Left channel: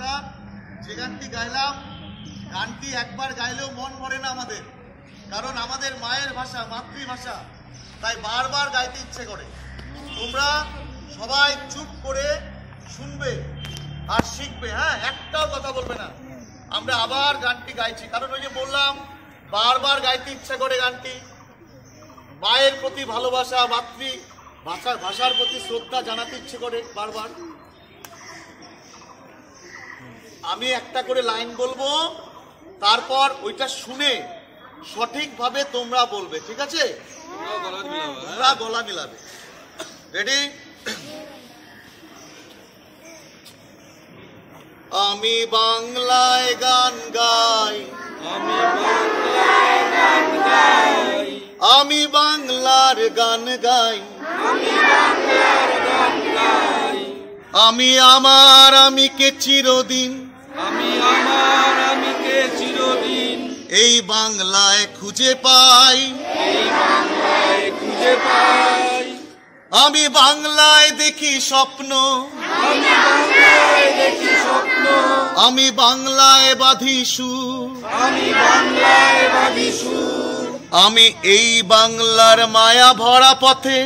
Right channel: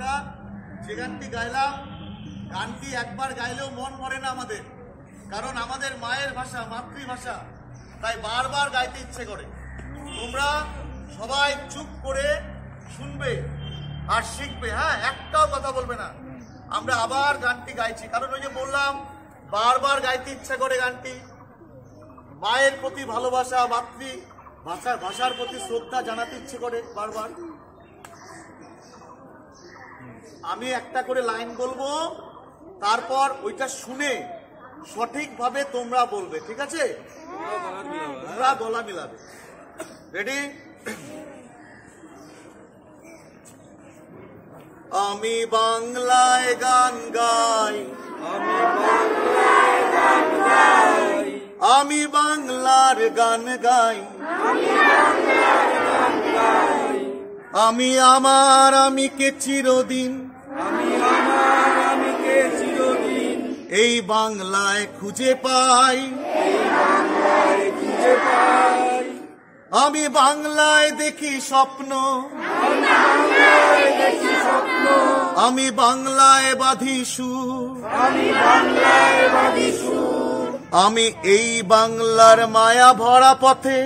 আমরা যে গানটি গাইলাম, গানটি একবার গাইলেও মন ভরে না আমাদের, কারণ আমাদের মায়ের ভাষা, মাতৃভাষা, তাই বারবার গাইতে ইচ্ছে করে। তোমরা সবাই চুপ করে শুনবে আর শিখবে, হ্যাঁ, একটাও কথা বলবে না। আমরা আবার গানটি গাইছি, কারণ ওই যে বললাম বারবার গাইতে ইচ্ছে করে গানটি। মায়ের প্রতি ভালোবাসা, ভাষার প্রতি শ্রদ্ধা জানাতে ইচ্ছে করে বারবার। আমি একটা করে লাইন বলবো, তারপর ওইটা শুনে সঠিকভাবে তোমরা বলবে, ঠিক আছে? তোমরা গলা মিলাবে। রেডি? আমি বাংলায় গান গাই, আমি বাংলার গান গাই, আমি আমার আমিকে চিরদিন, এই বাংলায় খুঁজে পাই, আমি বাংলায় দেখি স্বপ্ন, আমি বাংলায় বাঁধি সুর, আমি এই বাংলার মায়া ভরা পথে,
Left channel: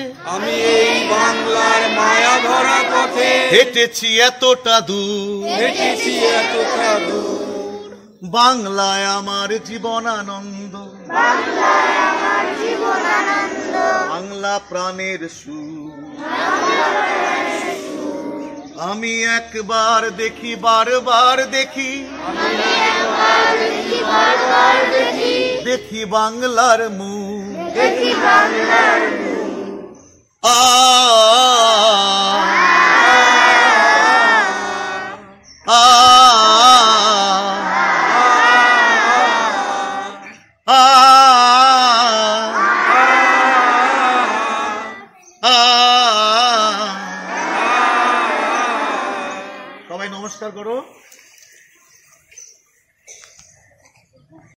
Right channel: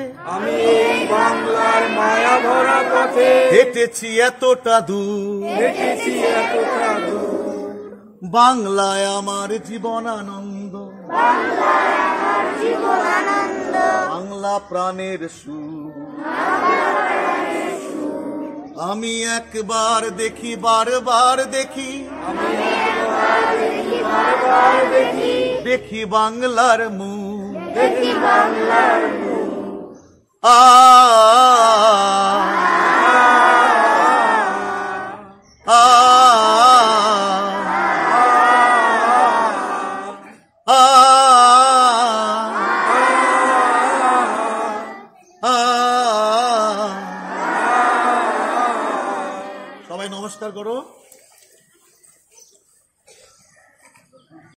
হেঁটেছি এতটা দূর, বাংলায় আমার জীবনানন্দ, বাংলা প্রাণের সুর। আমি একবার দেখি, বারবার দেখি, দেখি বাংলার মুখ, আ সবাই নমস্কার করো।